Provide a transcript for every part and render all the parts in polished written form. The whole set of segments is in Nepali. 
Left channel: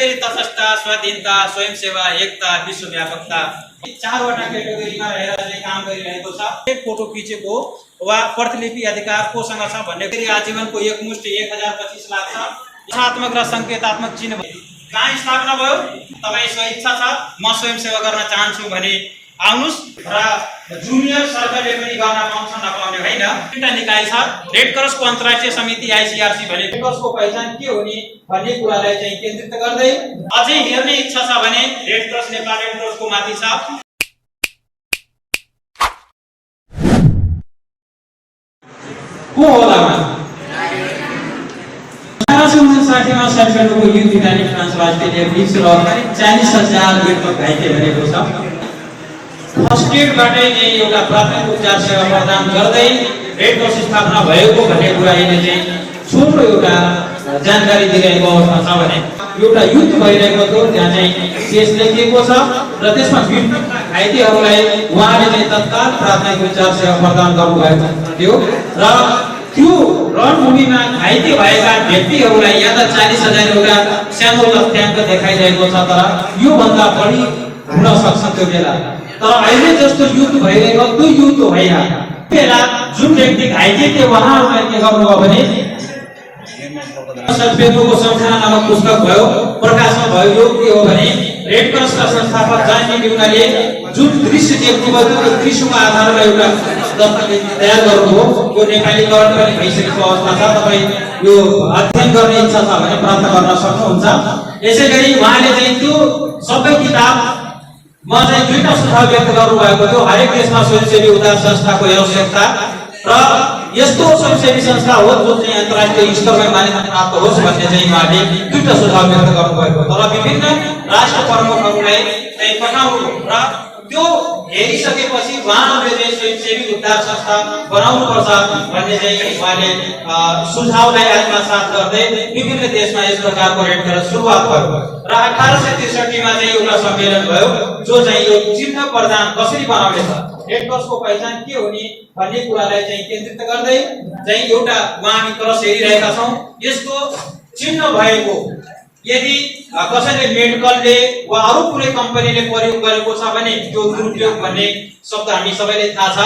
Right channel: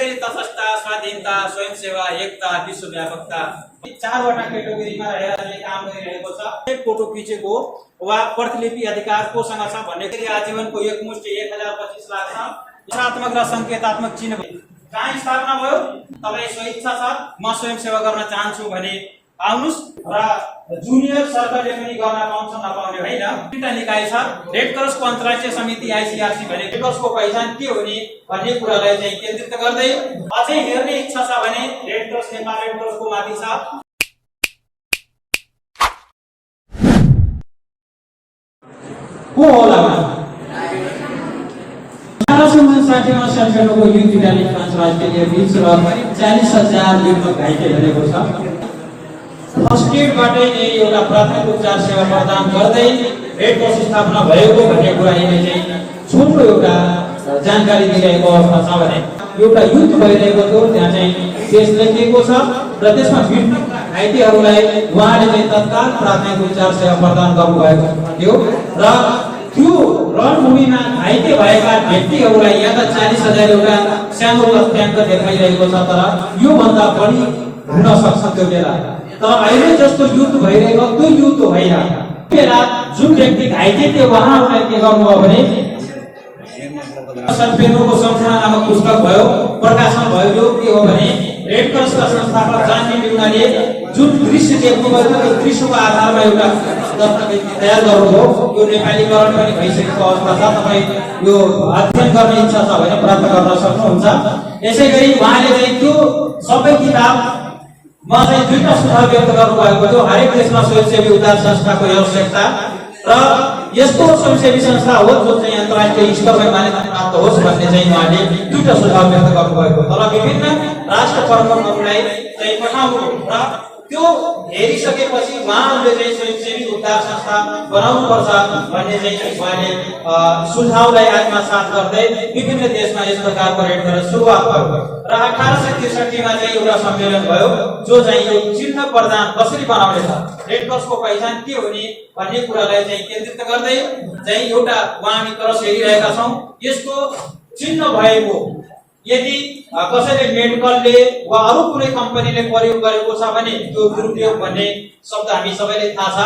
गरी तटस्थता, स्वाधीनता, स्वयंसेवा, एकता, विश्वव्यापकता चारवटा क्याटेगोरीमा रहेर चाहिँ काम गरिरहेको छ। फोटो खिचेको वा प्रतिलिपि अधिकार कोसँग छ भन्ने गरी आजीवनको एकमुष्टि 1025 लाख छ। दिशात्मक र संकेतात्मक चिन्ह कहाँ स्थापना भयो? तपाईँ स्वेच्छा छ म स्वयंसेवा गर्न चाहन्छु भने आउनुस् र जुनियर सरकारले पनि गर्न पाउँछ नपाउने होइन। तीनटा निकाय छ। रेड क्रसको अन्तर्राष्ट्रिय समिति आईसीआरसी भने रेड क्रसको पहिचान के हुने भन्ने कुरालाई चाहिँ केन्द्रित गर्दै अझै हेर्ने इच्छा छ भने रेड क्रस नेपाल रेड क्रसको माथि छ। को होला 1859 मा सेप्टेम्बरको युद्ध इटाली फ्रान्स अस्ट्रेलिया बीच र 40,000 युद्धमा घाइते भएको छ। फर्स्ट एडबाटै चाहिँ एउटा प्राथमिक उपचार सेवा प्रदान गर्दै रेड क्रस स्थापना भएको भन्ने कुरा यिनले चाहिँ छोटो एउटा जानकारी दिइरहेको अवस्था छ भने एउटा युद्ध भइरहेको थियो त्यहाँ चाहिँ केस लेखिएको छ र त्यसमा घाइतेहरूलाई उहाँले चाहिँ तत्काल प्राथमिक उपचार सेवा प्रदान गर्नुभएको थियो र त्यो रणभूमिमा घाइते भएका व्यक्तिहरूलाई या त 40,000 एउटा सानो तथ्याङ्क देखाइरहेको छ तर यो भन्दा बढी हुन सक्छ त्यो बेला। तर अहिले जस्तो युद्ध भइरहेको त्यो युद्ध होइन। बेला जुन व्यक्ति घाइते थियो उहाँहरूलाई के गर्नुभयो भने सेप्टेम्बरको सम्झना नामक पुस्तक भयो, प्रकाशन भयो। यो के हो भने रेड क्रसका संस्थापक जन न्युटनले जुन दृश्य देख्नुभयो त्यो दृश्यको आधारमा एउटा दस्तावेज तयार गर्नुभयो। यो नेपालीकरण पनि भइसकेको अवस्था छ। तपाईँ यो अध्ययन गर्ने इच्छा छ भने प्राप्त गर्न सक्नुहुन्छ। यसैगरी उहाँले चाहिँ त्यो सबै किताब म चाहिँ दुईटा सुझाव व्यक्त गर्नुभएको थियो। हरेक देशमा स्वयंसेवी उद्धार संस्थाको आवश्यकता र यस्तो स्वयंसेवी संस्था हो जो चाहिँ अन्तर्राष्ट्रिय स्तरमा मान्यता प्राप्त होस् भन्ने चाहिँ उहाँले दुईटा सुझाव व्यक्त गर्नुभएको। तर विभिन्न राष्ट्र प्रमुखहरूलाई चाहिँ पठाउनु र त्यो हेरिसकेपछि उहाँहरूले चाहिँ स्वयंसेवी उद्धार संस्था बनाउनुपर्छ भन्ने चाहिँ उहाँले सुझावलाई आत्मसात गर्दै विभिन्न देशमा यस प्रकारको रेड क्रस सुरुवात भयो र 1863 मा चाहिँ एउटा सम्मेलन भयो जो चाहिँ यो चिन्ह प्रदान कसरी बनाउने छ, रेड क्रसको पहिचान के हुने भन्ने कुरालाई चाहिँ केन्द्रित गर्दै चाहिँ एउटा उहाँ हामी क्रस हेरिरहेका छौँ। यस्तो चिन्ह भएको यदि कसैले मेडिकलले वा अरू कुनै कम्पनीले प्रयोग गरेको छ भने त्यो दुरुपयोग भन्ने शब्द हामी सबैले थाहा छ।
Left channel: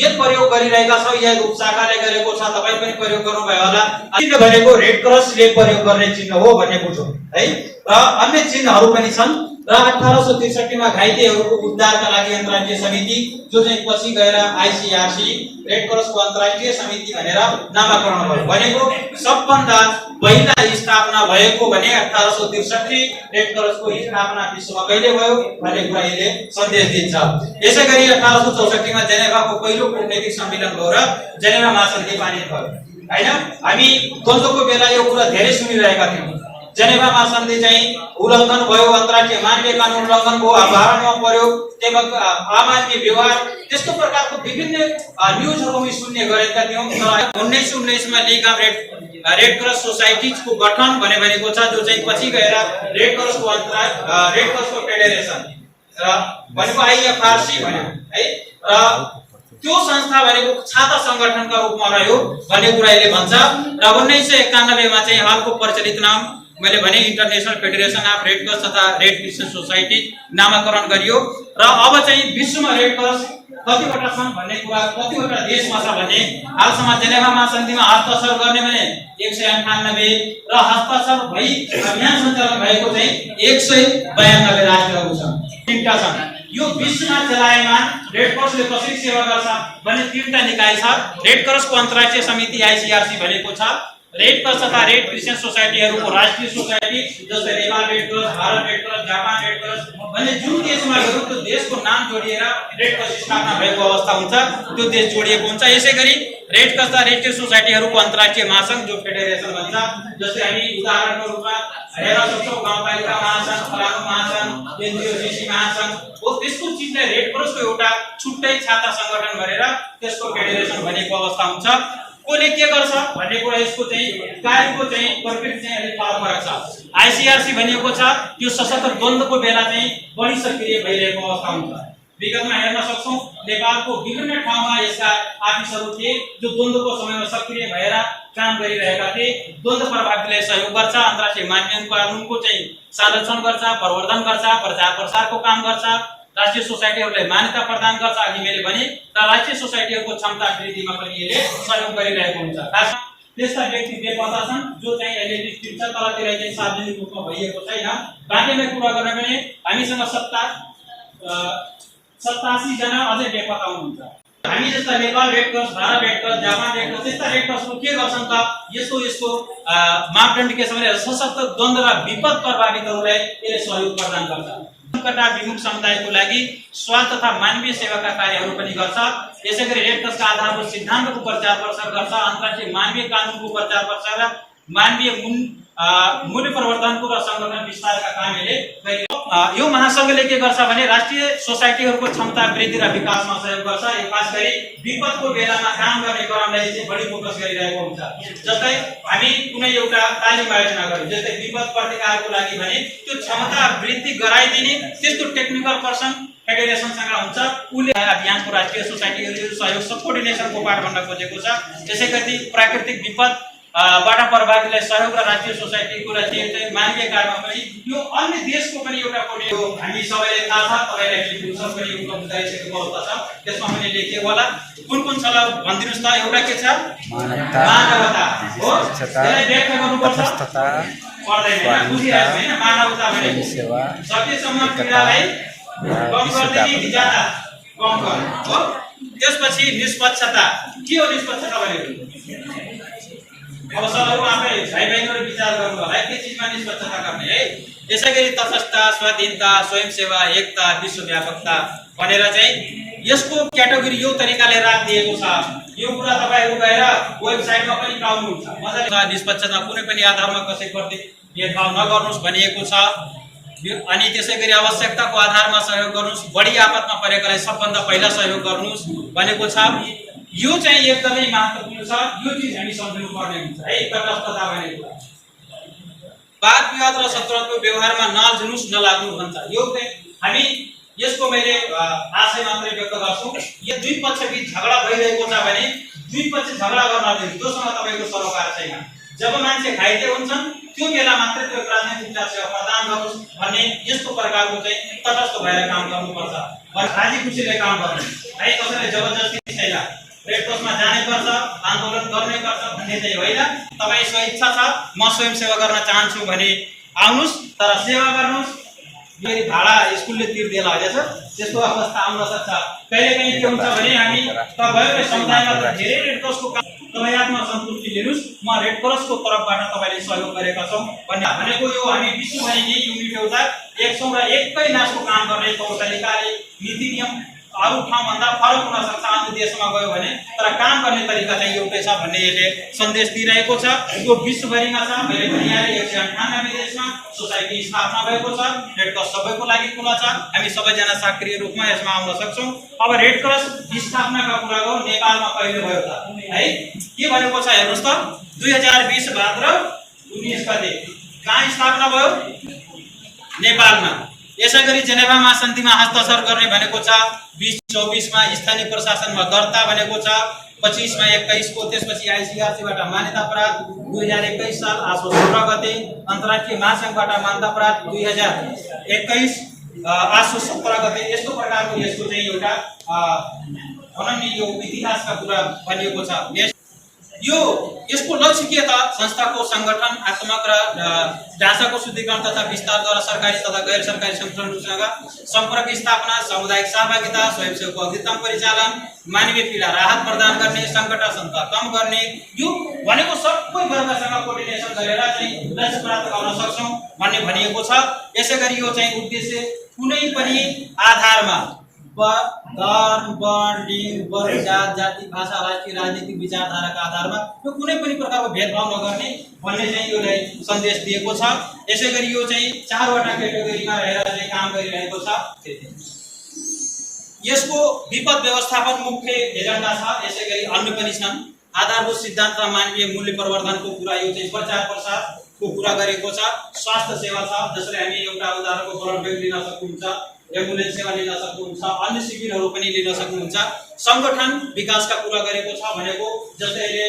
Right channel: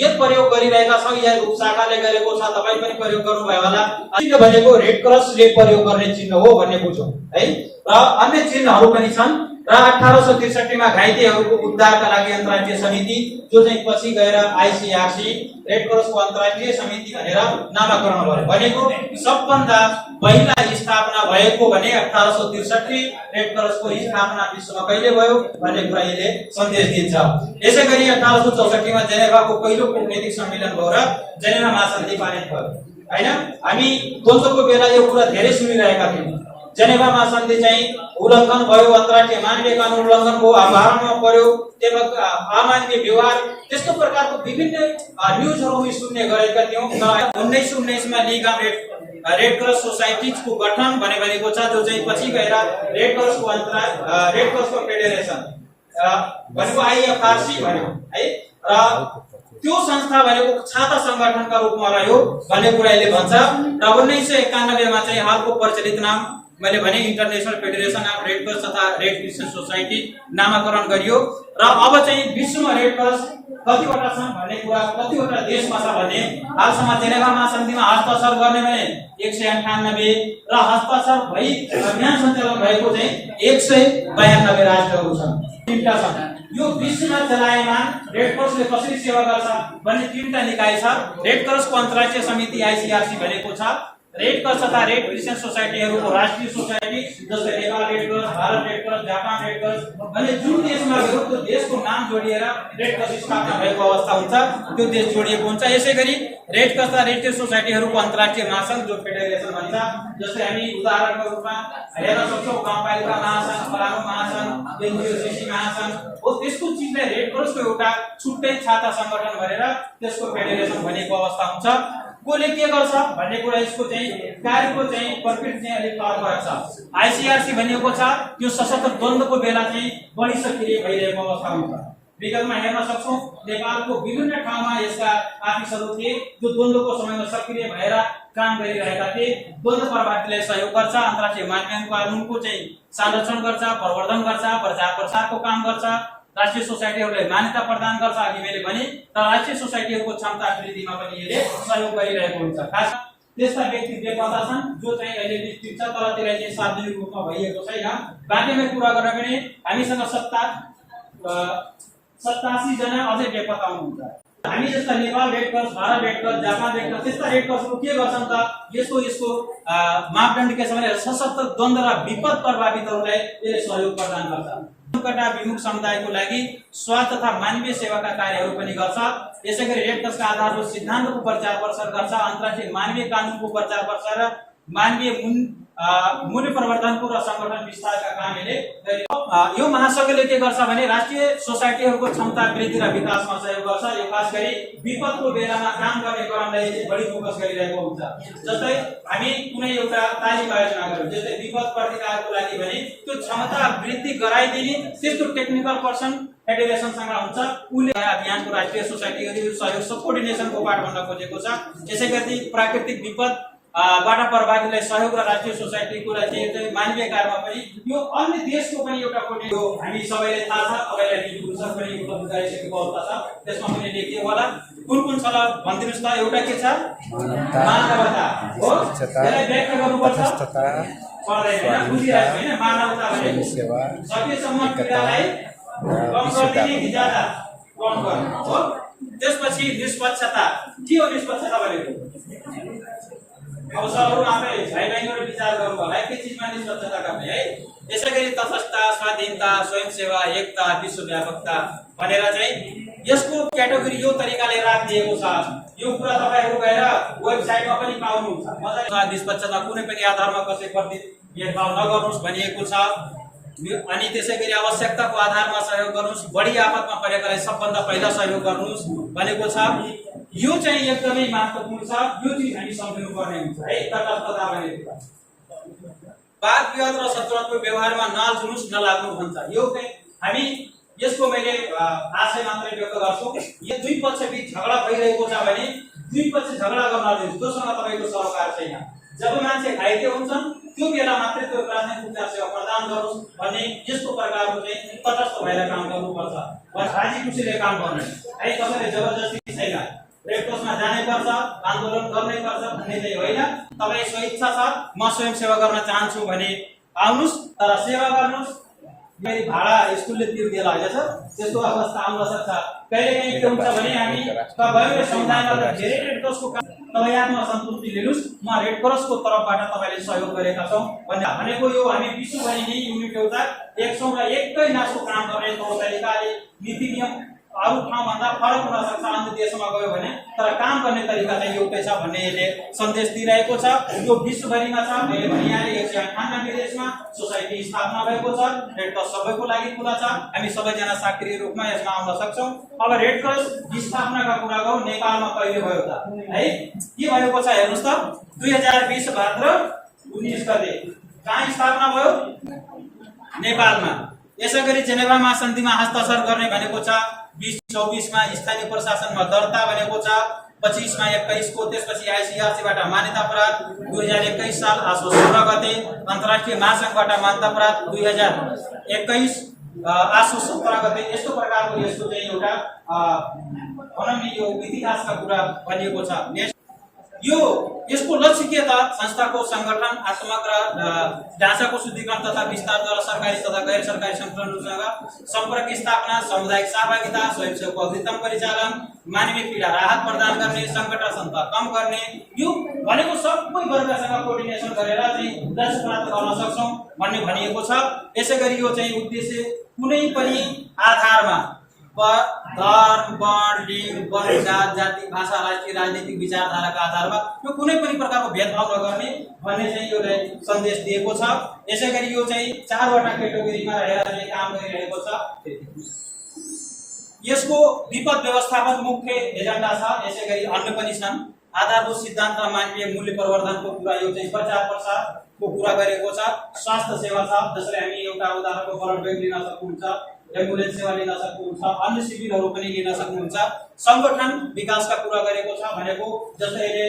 यदि प्रयोग गरिरहेका छौँ या उपशाखाले गरेको छ तपाईँ पनि प्रयोग गर्नुभयो होला। चिन्ह भनेको रेड क्रसले प्रयोग गर्ने चिन्ह हो भन्ने बुझौँ है। र अन्य चिन्हहरू पनि छन् र 1863 मा घाइतेहरूको उद्धारका लागि अन्तर्राष्ट्रिय समिति जो चाहिँ पछि गएर आईसीआरसी रेड क्रसको अन्तर्राष्ट्रिय समिति भनेर नामाकरण भयो। भनेको सबभन्दा पहिला स्थापना भएको भने 1863 रेड क्रसको स्थापना विश्वमा कहिले भयो भन्ने कुरा यसले सन्देश दिन्छ। यसैगरी 1864 मा जेनेभाको पहिलो कूटनैतिक सम्मेलन भयो र जेनेभा महासन्धि पारित भयो हैन। हामी द्वन्द्वको बेला यो कुरा धेरै सुनिरहेका थियौँ। जेनेभा महासन्धि चाहिँ उल्लङ्घन भयो, अन्तर्राष्ट्रिय मानवीय कानुन उल्लङ्घन भयो, अवधारणा पर्यो, त्यसमा अमान्य व्यवहार त्यस्तो प्रकारको विभिन्न न्युजहरू सुन्ने गरेका थियौँ। 1919 मा लिग अफ रेड क्रस सोसाइटिजको गठन भनेको छ जो चाहिँ पछि गएर रेड क्रसको फेडरेसन भनेको आईएफआरसी भन्यो है। र त्यो संस्था भनेको छाता संगठनका रूपमा रह्यो भन्ने कुरा यसले भन्छ। र 1991 मा चाहिँ हालको प्रचलित नाम मैले भने international federation of red cross तथा रेड क्रिस्चियन सोसाइटी नामाकरण गरियो। र अब चाहिँ विश्वमा रेड क्रस कतिवटा छन् भन्ने कुरा कतिवटा देशमा छ भने हालसम्म जेनेभा महासन्धिमा हस्ताक्षर गर्ने भने 198 र हस्ताक्षर भई अभियान सञ्चालन भएको चाहिँ 192 राष्ट्रहरू छन्। तीनटा छन्। यो विश्वमा चलायमान रेड क्रसले कसरी सेवा गर्छ भन्ने तीनटा निकाय छ। रेड क्रसको अन्तर्राष्ट्रिय समिति आईसीआरसी भनेको छ। रेड क्रस तथा रेड क्रिस्चियन सोसाइटीहरूको राष्ट्रिय सोसाइटी जस्तै Nepal red cross, Bharat red cross, Japan red cross भन्ने जुन देशमा हो त्यो देशको नाम जोडिएर रेड क्रस स्थापना भएको अवस्था हुन्छ, त्यो देश जोडिएको हुन्छ। यसैगरी रेड क्रस तथा रेड क्रिस्चियन सोसाइटीहरूको अन्तर्राष्ट्रिय महासङ्घ जो फेडरेसन भन्छ, जस्तै हामी उदाहरणको रूपमा हेर्न सक्छौँ गाउँपालिका महासङ्घ, फलानु महासङ्घ, एनजिओसिसी महासङ्घ हो। त्यसको चिजलाई रेड क्रसको एउटा छुट्टै छाता सङ्गठन गरेर त्यसको फेडरेसन भनेको अवस्था हुन्छ। कोले के गर्छ भन्ने कुरा यसको चाहिँ कार्यको चाहिँ प्रकृति चाहिँ अलिक फरक छ। आईसीआरसी भनेको छ यो सशस्त्र द्वन्द्वको बेला चाहिँ बढी सक्रिय भइरहेको अवस्था हुन्छ। विगतमा हेर्न सक्छौँ नेपालको विभिन्न ठाउँमा यसका आफिसहरू थिए जो द्वन्द्वको समयमा सक्रिय भएर काम गरिरहेका थिए। द्वन्द्व प्रभावले सहयोग गर्छ, अन्तर्राष्ट्रिय मानवीय कानुनको चाहिँ संरक्षण गर्छ, प्रवर्धन गर्छ, प्रचार प्रसारको काम गर्छ, राष्ट्रिय सोसाइटीहरूलाई मान्यता प्रदान गर्छ। अघि मैले भने तर राष्ट्रिय सोसाइटीहरूको क्षमता वृद्धिमा पनि यसले सहयोग गरिरहेको हुन्छ। खास त्यस्ता व्यक्ति बेपत्ता छन् जो चाहिँ अहिले निश्चित छ तर त्यसलाई चाहिँ सार्वजनिक रूपमा भइएको छैन। बाँकीमै कुरा गर्न भने हामीसँग 87 जना अझै बेपत्ता हुनुहुन्छ। हामी जस्ता Nepal red cross, Bharat red cross, Japan red cross त्यस्ता रेड क्रसको के गर्छन् त यस्तो मापदण्ड के छ भने सशक्त द्वन्द्व र विपद प्रभावितहरूलाई यसले सहयोग प्रदान गर्छ। संकट विमुख समुदायको लागि स्वास्थ्य तथा मानवीय सेवाका कार्यहरू पनि गर्छ। यसैगरी रेड क्रसका आधारभूत सिद्धान्तको प्रचार प्रसार गर्छ, अन्तर्राष्ट्रिय मानवीय कानुनको प्रचार प्रसार र मानवीय मूल्य प्रवर्धनको र संगठन विस्तारका काम यसले गरिरहेको छ। यो महासंघले के गर्छ भने राष्ट्रिय सोसाइटीहरूको क्षमता वृद्धि र विकासमा सहयोग गर्छ। यो खास गरी विपदको बेलामा काम गर्ने क्रमलाई चाहिँ बढी फोकस गरिरहेको हुन्छ। जस्तै हामी कुनै एउटा तालिम आयोजना गर्यौं, जस्तै विपद प्रतिकारको लागि भने त्यो क्षमता वृद्धि गराइदिने त्यस्तो टेक्निकल पर्सन फेडरेसनसँग हुन्छ। उले अभियानको राष्ट्रिय सोसाइटीहरू सहयोग कोअर्डिनेसनको पाठ भन्न खोजेको छ। त्यसैगरी प्राकृतिक विपद बाट प्रभावितलाई सहयोग र राष्ट्रिय सोसाइटीको चाहिँ मानवीय कार्यमा पनि यो अन्य देशको पनि एउटा कोर्डिनेट हो। हामी सबैले थाहा छ, तपाईलाई टेलिभिजन पनि उपलब्ध गराइसकेको अवस्था छ। त्यसमा पनि लेखिएको होला। कुन छ ल भनिदिनुस् त? एउटा के छ? मानवता हो। यसलाई व्याख्या गर्नुपर्छ। पर्दैन, बुझिरहेको हैन? मानवता भने सेवा सकेसम्म पीडालाई कम गरिदिने ज्यादा कम गर्नु हो। त्यसपछि निष्पक्षता। के हो निष्पक्षता भनेको? अब सबैको आफै भाइ-बहिनीहरु विचार गर्नु होला के चीजमा निष्पक्षता गर्ने है। यसैगरी तटस्थता, स्वाधीनता, स्वयंसेवा, एकता, विश्वव्यापकता भनेर चाहिँ यसको क्याटेगोरी यो तरिकाले राखिदिएको छ। यो कुरा तपाईहरु गएर वेबसाइटमा पनि पाउनुहुन्छ। मजाले निष्पक्षता कुनै पनि आधारमा कसैप्रति भेदभाव नगर्नुस् भनिएको छ। अनि त्यसैगरी आवश्यकताको आधारमा सहयोग गर्नुस्, बढी आपतमा परेकालाई सबभन्दा पहिला सहयोग गर्नुस् भनेको छ। यो चाहिँ एकदमै महत्त्वपूर्ण छ। यो चीज हामी सम्झनु पर्ने हुन्छ है। तटस्थता भनेको वाद विवाद र शत्रुताको व्यवहारमा नल्झनुस्, नलाग्नु भन्छ। यो हामी यसको मैले आशय मात्रै व्यक्त गर्छु। यो दुई पक्षबीच झगडा भइरहेको छ भने दुई पक्ष झगडा गर्न दिनु, जोसँग तपाईको सरोकार छैन। जब मान्छे घाइते हुन्छन् त्यो बेला मात्रै त्यो प्राथमिक उपचार सेवा प्रदान गरोस् भन्ने यस्तो प्रकारको चाहिँ तटस्थ भएर काम गर्नुपर्छ। राजी खुसीले काम गर्ने है। कसैले जबरजस्ती छैन। रेड क्रसमा जानै पर्छ, आन्दोलन गर्नै पर्छ भन्ने चाहिँ होइन। तपाई स्वेच्छा छ म स्वयं सेवा गर्न चाहन्छु भने आउनुस्, तर सेवा गर्नुस्। फेरि भाडा स्कुलले तिर्देला हैछ, त्यस्तो अवस्था आउन सक्छ। कहिलेकाहीँ के हुन्छ भने हामी तपाईहरुले समुदायमा धेरै रेड क्रसको तपाई आत्मसन्तुष्टि लिनुस्, म रेड क्रसको तर्फबाट तपाईले सहयोग गरेका छौं भन्ने भनेको यो हामी विश्वभरि नै युनिट एउटा एक सँग एकै नासको काम गर्ने तरिकाले नीति नियम अरु ठाउँभन्दा फरक हुन सक्छ। अन्य देशमा गयो भने तर काम गर्ने तरिका चाहिँ एउटै छ भन्ने यसले सन्देश दिइरहेको छ। यो विश्वभरिमा छ। मैले भने यहाँ 198 देशमा सोसाइटी स्थापना भएको छ। रेड क्रस सबैको लागि खुला छ। हामी सबैजना सक्रिय रूपमा यसमा आउन सक्छौं। अब रेड क्रस स्थापनाका कुरा गरौँ। नेपालमा कहिले भयो त है? के भनेको छ हेर्नुस् त। 2020 भाद्र 19 गते कहाँ स्थापना भयो? नेपालमा। यसैगरी जेनेभा महासन्धिमा हस्ताक्षर गर्ने भनेको छ। 2024 मा स्थानीय प्रशासनमा दर्ता भनेको छ। 25 मा 21 को त्यसपछि आईसीआरसी बाट मान्यता प्राप्त 2021 साल आसो 16 गते। अन्तर्राष्ट्रिय महासंघबाट मान्यता प्राप्त 2021 आसो 17 गते। यस्तो प्रकारको यसको चाहिँ एउटा अनन्य यो इतिहासका कुरा भनिएको छ। यो यसको लक्ष्य के त? संस्थाको संगठन आत्मक र ढाँचाको शुद्धिकरण तथा विस्तारद्वारा सरकारी तथा गैर सरकारी संगठनहरूसँग सम्पर्क स्थापना, सामुदायिक सहभागिता, स्वयंसेवकको अग्रिम परिचालन, मानवीय पीडा राहत प्रदान गर्ने, संकट आशंका कम गर्ने। यो भनेको सबै वर्गसँग कोअर्डिनेसन गरेर चाहिँ लक्ष्य प्राप्त गर्न सक्छौं भन्ने भनिएको छ। यसैगरी यो चाहिँ उद्देश्य कुनै पनि आधारमा धर्म, वर्ण, लिंग, वर्ग, जाति, भाषा, राष्ट्रिय राजनीतिक विचारधाराका आधारमा यो कुनै पनि प्रकारको भेदभाव नगर्ने भन्ने चाहिँ योले सन्देश दिएको छ। यसैगरी यो चाहिँ 4 वटा क्याटेगोरीमा रहेर चाहिँ काम गरिरहेको छ। यसको विपद व्यवस्थापन मुख्य एजेन्डा छ। यसैगरी अन्य पनि छन्। आधारभूत सिद्धान्त र मानवीय मूल्य प्रवर्धनको कुरा यो चाहिँ प्रचार प्रसारको कुरा गरेको छ। स्वास्थ्य सेवा छ, जसले हामी एउटा उदाहरणको ब्लड बैंक दिन सक्नुहुन्छ। एम्बुलेन्स सेवा लिन सक्नुहुन्छ, अन्य शिविरहरू पनि लिन सक्नुहुन्छ। संगठन विकासका कुरा गरेको छ भनेको जस्तै अहिले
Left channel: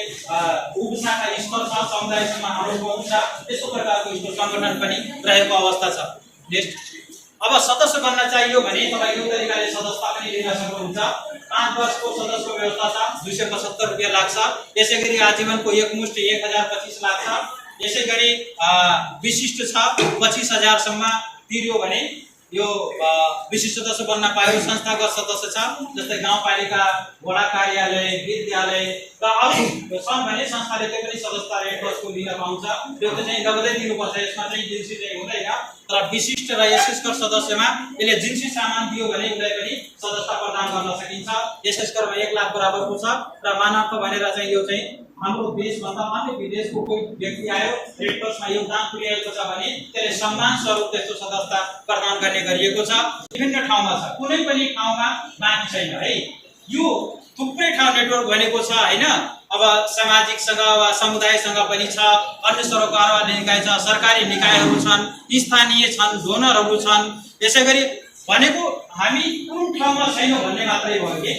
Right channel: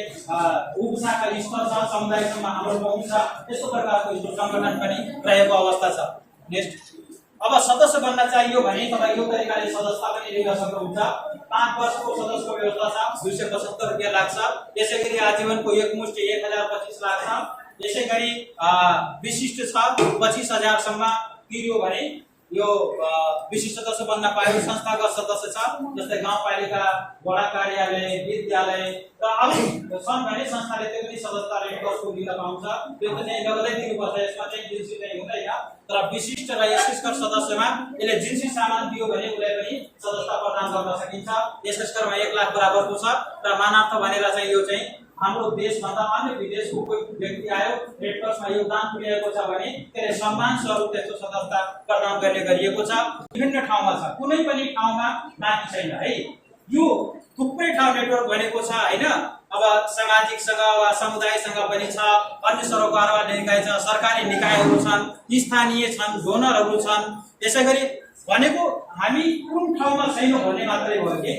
उपशाखा स्तर छ, समुदायसम्म हाम्रो पहुँच छ, यस्तो प्रकारको यो संगठन पनि रहेको अवस्था छ। नेक्स्ट, अब सदस्य बन्न चाहियो भने तपाईँ यो तरिकाले सदस्यता पनि लिन सक्नुहुन्छ। 5 वर्षको सदस्यको व्यवस्था छ, 275 रुपैयाँ लाग्छ। यसैगरी आजीवनको एकमुष्ट 1025 लाग्छ। यसैगरी विशिष्ट छ 25,000 सम्म तिर्यो भने यो विशिष्ट सदस्य बन्न पायो। संस्थागत सदस्य छ जस्तै गाउँपालिका, वडा कार्यालय, विद्यालय र अरू छन् भने संस्थाले त्यो पनि सदस्यता रेड क्रसको लिन पाउँछ। त्यो चाहिँ लगतै दिनुपर्छ, यसमा चाहिँ जिन्सी चाहिँ हुँदैन। तर विशिष्ट र एसएसकर सदस्यमा यसले जिन्सी सामान दियो भने उसलाई पनि सदस्यता प्रदान गर्न सकिन्छ। एसएसकरमा 1 लाख बराबरको छ र मानवता भनेर चाहिँ यो चाहिँ हाम्रो देशभन्दा अन्य विदेशको कोही व्यक्ति आयो, रेड क्रसमा योगदान पुर्याएको छ भने त्यसले सम्मान स्वरूप त्यस्तो सदस्यता प्रदान गर्ने गरिएको छ। विभिन्न ठाउँमा छ, कुनै पनि ठाउँमा बाँकी छैन है। यो थुप्रै ठाउँ नेटवर्क भनेको छ हैन। अब सामाजिकसँग वा समुदायसँग पनि छ, अन्य सरोकारवाला निकाय छ, सरकारी निकायहरू छन्, स्थानीय छन्, डोनरहरू छन्। यसैगरी भनेको हामी कुन ठाउँमा छैन भन्ने मात्रै हो कि,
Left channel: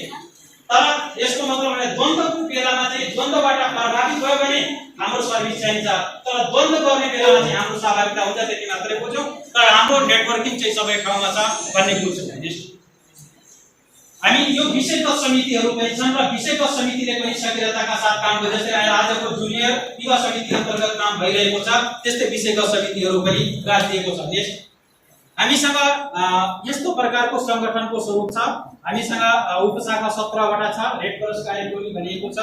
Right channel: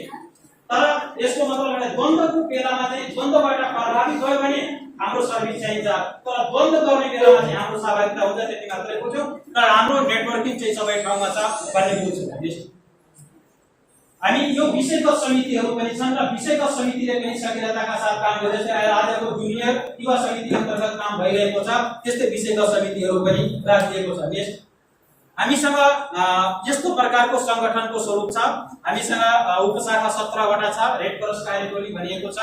तर यसको मतलब भने द्वन्द्वको बेलामा चाहिँ द्वन्द्वबाट प्रभावित भयो भने हाम्रो सर्भिस चाहिन्छ, तर द्वन्द्व गर्ने बेलामा चाहिँ हाम्रो सहभागिता हुन्छ, त्यति मात्रै बुझ्यौँ। तर हाम्रो नेटवर्किङ चाहिँ सबै ठाउँमा छ भन्ने बुझ्छौँ। हामी यो विषयगत समितिहरू पनि छन् र विषयगत समितिले पनि सक्रियताका साथ काम गर्छ। जस्तै आजको जुनियर युवा समिति अन्तर्गत काम भइरहेको छ, त्यस्तै विषयगत समितिहरू पनि राखिएको छ। नेक्स्ट, हामीसँग यस्तो प्रकारको संगठनको स्वरूप छ। हामीसँग उपशाखा 17वटा छ, रेड क्रस कार्यटोली भनिएको छ।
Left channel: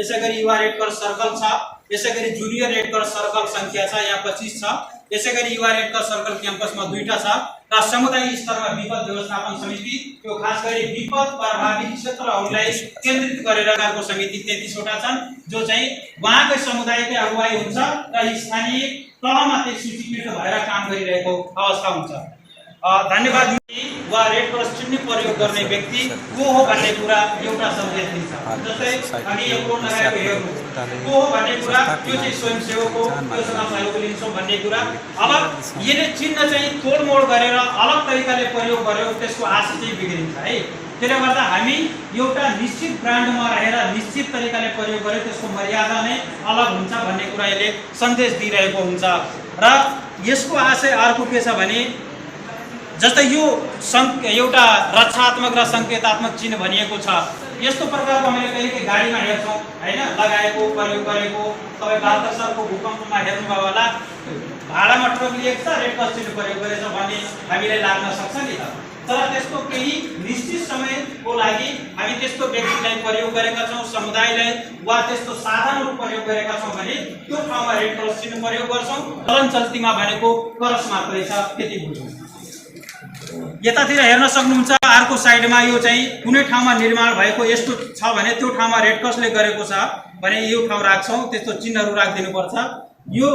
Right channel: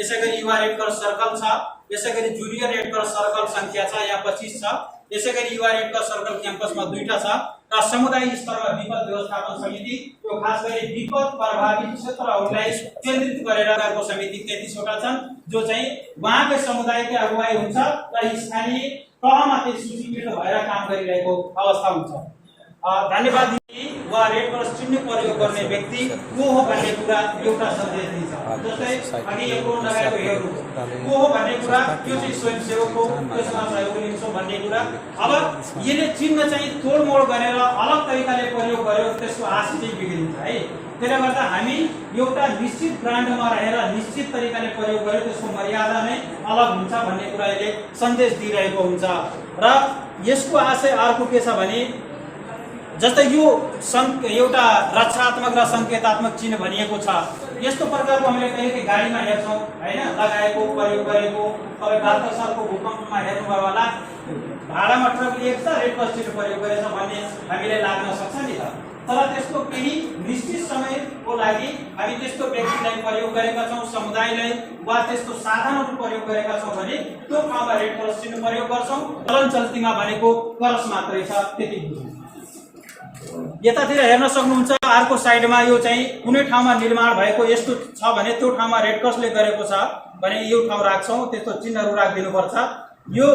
यसैगरी युवा रेड क्रस सर्कल छ। यसैगरी जुनियर रेड क्रस सर्कल संख्या छ, यहाँ 25 छ। यसैगरी युवा रेड क्रस सर्कल क्याम्पसमा 2टा छ र समुदाय स्तरमा विपद व्यवस्थापन समिति, त्यो खास गरी विपद प्रभावित क्षेत्रहरूलाई केन्द्रित गरेर गएको समिति 33वटा छन्, जो चाहिँ उहाँकै समुदायकै अगुवाई हुन्छ र स्थानीय तहमा त्यो सूचीकृत भएर काम गरिरहेको अवस्था हुन्छ। धन्यवाद। वा रेड क्रस चिन्ह प्रयोग गर्ने व्यक्ति को हो भन्ने कुरा एउटा सन्देश दिन्छ। जस्तै हामी यो कोड लगाएको हेर्नु, को हो भन्ने कुरा, त्यो चाहिँ स्वयंसेवक हो, त्यो समाजहरूको लिन्छौँ भन्ने कुरा। अब यसले चिन्ह चाहिँ तोडमोड गरेर अलग तरिकाले प्रयोग गर्यो, त्यसको आशा चाहिँ बिग्रिन्छ है। त्यसले गर्दा हामी एउटा निश्चित ब्रान्डमा रहेर निश्चित तरिकाले प्रयोग गर्यो, त्यसको मर्यादा नै अलग हुन्छ भन्ने कुरा यसले सन्देश दिइरहेको हुन्छ। र यसको आशय अर्को के छ भने जस्तै यो एउटा रक्षात्मक र सङ्केतात्मक चिन्ह भनिएको छ। यस्तो प्रकारको हामीले कहिलेकाहीँ गाडीमा हेर्छौँ हैन, लगाएको प्रयोग गरेको। तपाईँ 72 सालको भूकम्पमा हेर्नुभयो होला, भाडामा ट्रक लिएको छ, रेड क्रस चिन्ह प्रयोग गरेछ भन्ने हामीलाई लाग्न सक्छ नि त। तर त्यसको केही निश्चित समयको लागि हामी त्यस्तो व्यक्तिलाई प्रयोग गरेका छौँ, समुदायलाई वा त्यस्तो साधनहरू प्रयोग गरेका छौँ भने त्यो ठाउँमा रेड क्रस चिन्ह प्रयोग गर्छौँ। चलन चल्तीमा भनेको क्रस मात्रै छ, त्यति बुझ्नु। यतातिर हेर्न सक्नुहुन्छ, अर्को साइडमा यो चाहिँ कुनै ठाउँमा निर्माण भएको यस्तो छ भने त्यो ठाउँमा रेड क्रसले गरेको छ भने यो ठाउँ राख्छौँ, त्यस्तो चिन्हहरू राखिदिनुपर्छ। यो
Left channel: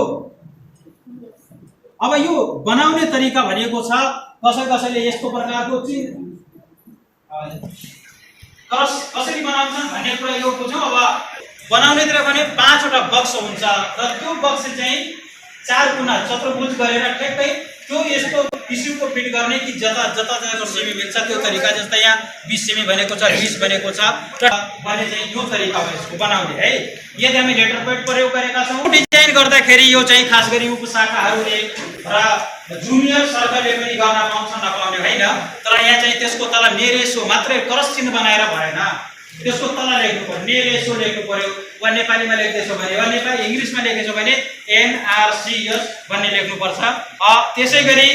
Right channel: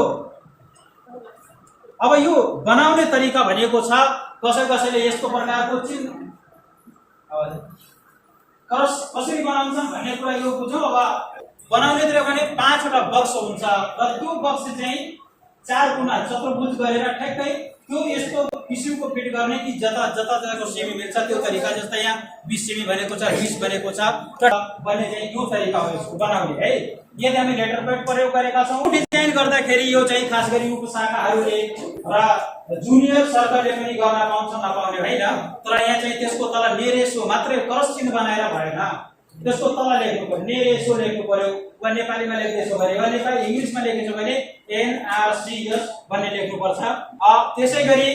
अब यो बनाउने तरिका भनेको छ, कसैले यस्तो प्रकारको चिन्ह क्रस कसरी बनाउँछन् भन्ने कुरा यो बुझौँ। अब बनाउनेतिर भने 5वटा बक्स हुन्छ र त्यो बक्स चाहिँ 4 गुणा चतुर्भुज गरेर ठ्याक्कै त्यो यस्तो किसिमको फिट गर्ने कि जता सेमी मिल्छ त्यो तरिका। जस्तै यहाँ 20 सेमी भनेको छ, 20 भनेको छ र भने चाहिँ यो तरिका हो यसको बनाउने है। यदि हामी लेटर पेड प्रयोग गरेका छौँ, डिजाइन गर्दाखेरि यो चाहिँ खास गरी उपशाखाहरूले र जुनियर सर्कलले पनि गर्न पाउँछ, नपाउने होइन। तर यहाँ चाहिँ त्यसको तल नेरेसो मात्रै क्रस चिन्ह बनाएर भएन, त्यसको तल लेख्नु पर्यो, नेरेसो लेख्नु पर्यो। वा नेपालीमा लेख्दैछौ भने वा नेपाली इङ्ग्लिसमा लेखेछौ भने NRCS भन्ने लेख्नुपर्छ। त्यसैगरी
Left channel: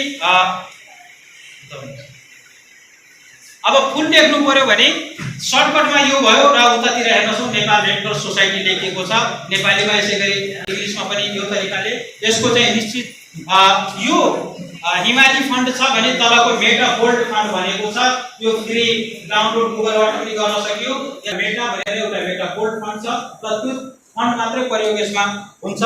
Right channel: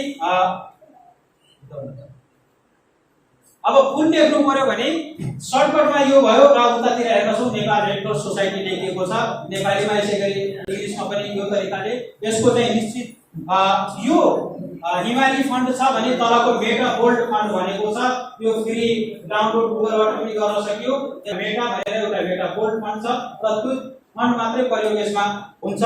अब फुल लेख्नु पर्यो भने सर्टकटमा यो भयो र उतातिर हेर्नुहोस् नेपाल रेड क्रस सोसाइटी लेखिएको छ नेपालीमा, यसैगरी इङ्ग्लिसमा पनि यो तरिकाले। यसको चाहिँ निश्चित यो हिमाली फन्ड छ भने तलको मेटा गोल्ड फन्ड भनेको छ, यो फ्री डाउनलोड गुगलबाट पनि गर्न सकियो। यहाँ मेटा भनेर एउटा मेटा गोल्ड फन्ड छ र त्यो फन्ड मात्रै प्रयोग यसमा हुन्छ।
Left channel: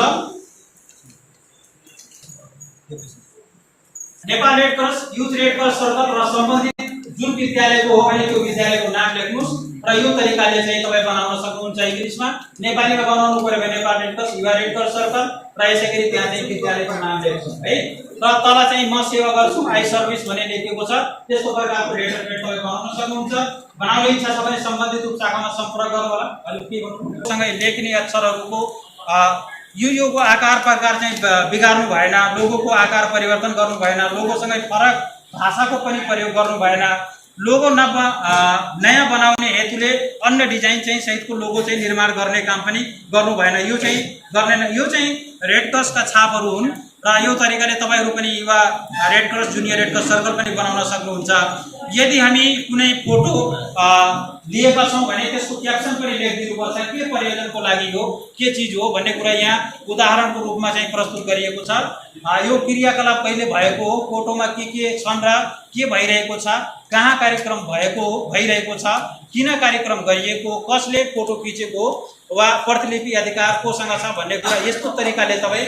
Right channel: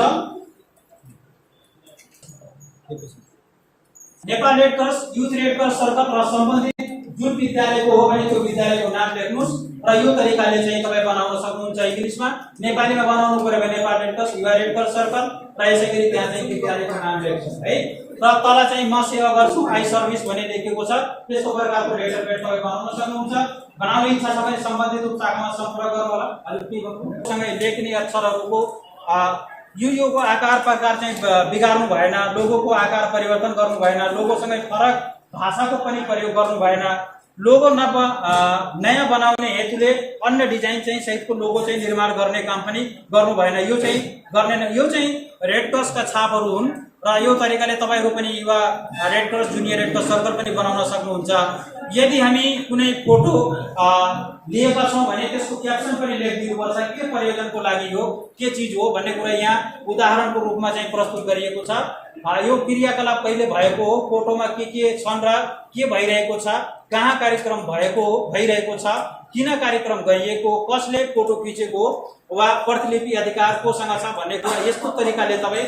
Nepal red cross, youth red cross circle र सम्बन्धित जुन विद्यालयको हो भने त्यो विद्यालयको नाम लेख्नुहोस् र यो तरिकाले चाहिँ तपाईँ बनाउन सक्नुहुन्छ। इङ्ग्लिसमा, नेपालीमा बनाउनु पर्यो भने नेपाल रेड क्रस, युवा रेड क्रस सर्कल र यसैगरी त्यहाँ चाहिँ विद्यालयको नाम लेख्नुहोस् है। र तल चाहिँ म सेवा गर्छु आई सर्भिस भन्ने लेखेको छ। त्यस्तो प्रकारको लेटर पेड तपाईँ बनाउन सक्नुहुन्छ। बनाउने इच्छा छ भने सम्बन्धित उप शाखामा सम्पर्क गर्नु होला। अहिले के भन्नु सँगै लेख्ने अक्षरहरूको योको आकार प्रकार चाहिँ बिगार्नु भएन, लोगोको आकार परिवर्तन गर्नु भएन, लोगोसँगै फरक भाषाको पनि प्रयोग गर्नु भएन, लोगो नयाँ बनाउने हेतुले अन्य डिजाइन चाहिँ सहितको लोगो चाहिँ निर्माण गर्ने काम पनि गर्नु भएन। यो चाहिँ गर्दैन। यो चाहिँ रेड क्रसका छापहरू हुन् र यो तरिकाले तपाईहरु पनि युवा red cross junior red cross circle पनि बनाउन सक्नुहुन्छ। यदि हामी कुनै फोटो लिएका छौं भने त्यसको क्याप्सन पनि लेखिदिनु पर्छ, के प्रयोजनको लागि हो, के चीज हो भन्ने कुरा यहाँ उदाहरणको रूपमा चाहिँ प्रस्तुत गरिएको छ। यो क्रियाकलाप कहिले भएको हो, फोटोमा के छन् र के भइरहेको छ, कहाँ कार्यक्रम भइरहेको छ, किन कार्यक्रम गरिएको, कसले फोटो खिचेको वा प्रतिलिपि अधिकार कोसँग छ भन्ने कुरा यस्तो तरिकाले तपाई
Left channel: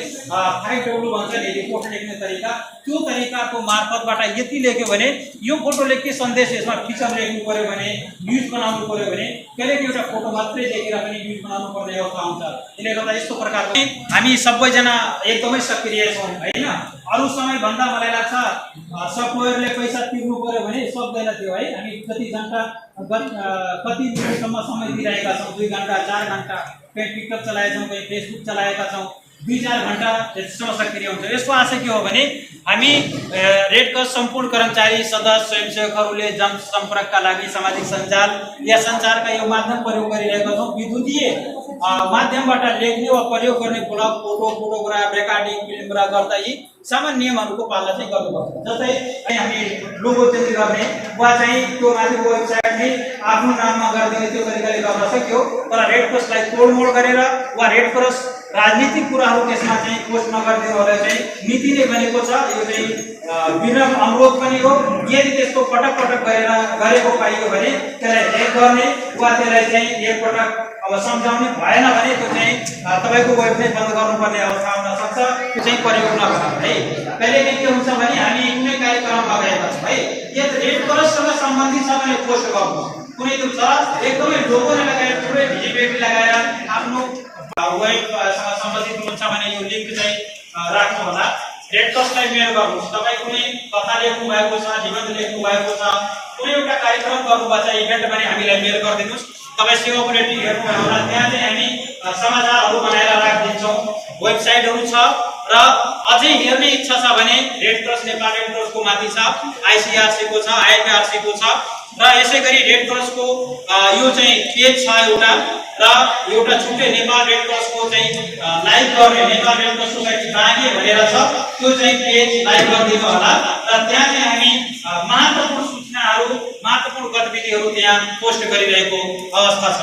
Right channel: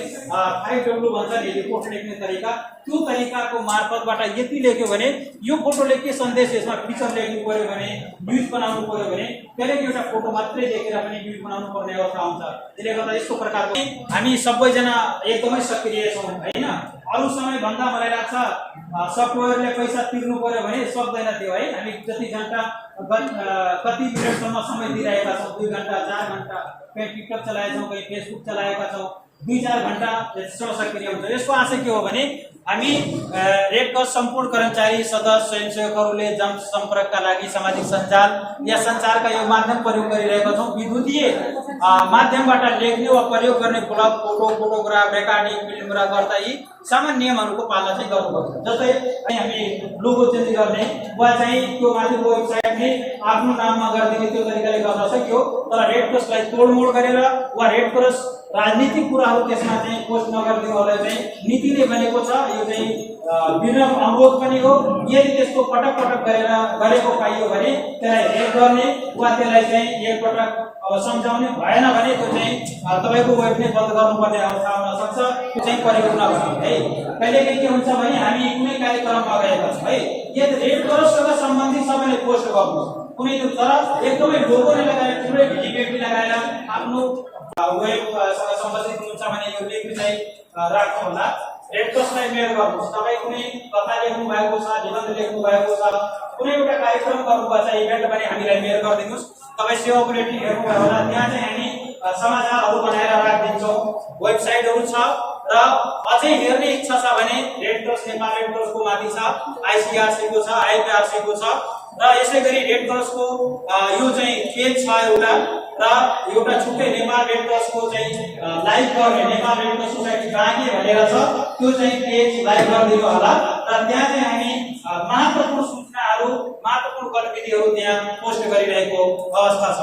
5W भन्छ नि रिपोर्ट लेख्ने तरिका, त्यो तरिकाको मार्फतबाट यति लेख्यो भने यो फोटोले के सन्देश यसमा पिक्चर लेख्नु पर्यो भने, न्यूज बनाउनु पर्यो भने कहिलेकाहीँ एउटा फोटो मात्रै देखेर पनि न्यूज बनाउनु पर्ने अवस्था हुन्छ। त्यसले गर्दा यस्तो प्रकारको हामी सबैजना एकदमै सक्रिय छौं हैन। अरु समय भन्दा मलाई लाग्छ सफ्टवेयरले पैसा तिर्नु पर्यो भने सक्दैन थियो है। हामी जति घण्टा कति मिनेटसम्म समय दिइरहेका छौं, 2 घण्टा 4 घण्टा कहीं टिकटक चलाएका छौं, कहीं फेसबुक चलाएका छौं, 2-4 घण्टा यसमा सक्रिय हुन्छ। यसको आशा के हो भने हामी रेड क्रस सम्पूर्ण कर्मचारी सदस्य स्वयंसेवकहरूले जनसम्पर्कका लागि सामाजिक सञ्जाल या सञ्चारका यो माध्यम प्रयोग गरिरहेका छौं। विद्युतीय माध्यमबाट लेख्ने वा प्रयोग गर्ने blog, photo, photograph, recording, film र गर्दा यी सामान्य नियमहरूको पालना चाहिँ गर्नुपर्छ। जस्तै हामी लोगो चेन्ज गर्ने वा चाहिँ त्यो माथिको वेबसाइटमै आफ्नो नाममा गरिदिने त्यो तरिकाले गर्न सक्यो। तर रेड क्रसलाई तोडमोड गरेर वा रेड क्रस राजनीतिक कुराहरू त्यसमा चाहिँ पोस्ट नगरिदिनु होला चाहिँ नीति नै बनेको छ। यो चाहिँ विनम्र अनुरोध पनि हो। यदि त्यस्तो पटक पटक गरेको पाइयो भने त्यसलाई हेक गर्ने वा त्यसलाई चाहिँ एकपटक अब सम्झाउने भएन भने त्यो चाहिँ तपाईको वेब नै बन्द गर्नुपर्ने अवस्था आउन सक्छ। त्यो चाहिँ प्रयोग नगर्नु है। कहिलेकाहीँ के हुन्छ भने हामी कुनै कार्यक्रममा गएका छौं है, यो रेड क्रससँग सम्बन्धित सबैले पोस्ट गर्नु कुनै त्यो छ एकदमै लोगोले लगाएर ठुलै भिजिबिलिटी लगाएर आफ्नो वेबसँग सम्बन्धित हुन्छ भने यो लिंक चाहिँ राख्नु होला। रेड क्रसलाई मेल गर्नुहोस्। तपाई कुनै कथा लेख्नु भएको छ, निबन्ध लेख्नु भएको छ, कुनै एउटा कार्यक्रम गर्नु भएको छ, इभेन्ट पनि हामीलाई मेल गरिदिनुस्। तपाई सेवा बुलेटिन हेर्नु भयो होला, त्यहाँ चाहिँ हामी समाचारहरू बनाएर राखिदिन्छौँ। वेबसाइटहरू छ र अझै हेर्ने इच्छा छ भने रेड क्रस नेपाल रेड क्रसको माथि छ, आईसीआरसी को छ, आईपीआरसी को छ र यसैगरी रेड क्रसको यो चाहिँ पेज छ एउटा र एउटा छुट्टै नेपाल रेड क्रसको चाहिँ लाइभ गर्ने Nepal red cross society Banke भनेर छ, त्यो चाहिँ पेज लाइभ गरिदिनु होला। र त्यहाँ चाहिँ हामी महत्त्वपूर्ण सूचनाहरू, महत्त्वपूर्ण गतिविधिहरू त्यहाँ पोस्ट गरिरहेको अवस्था छ।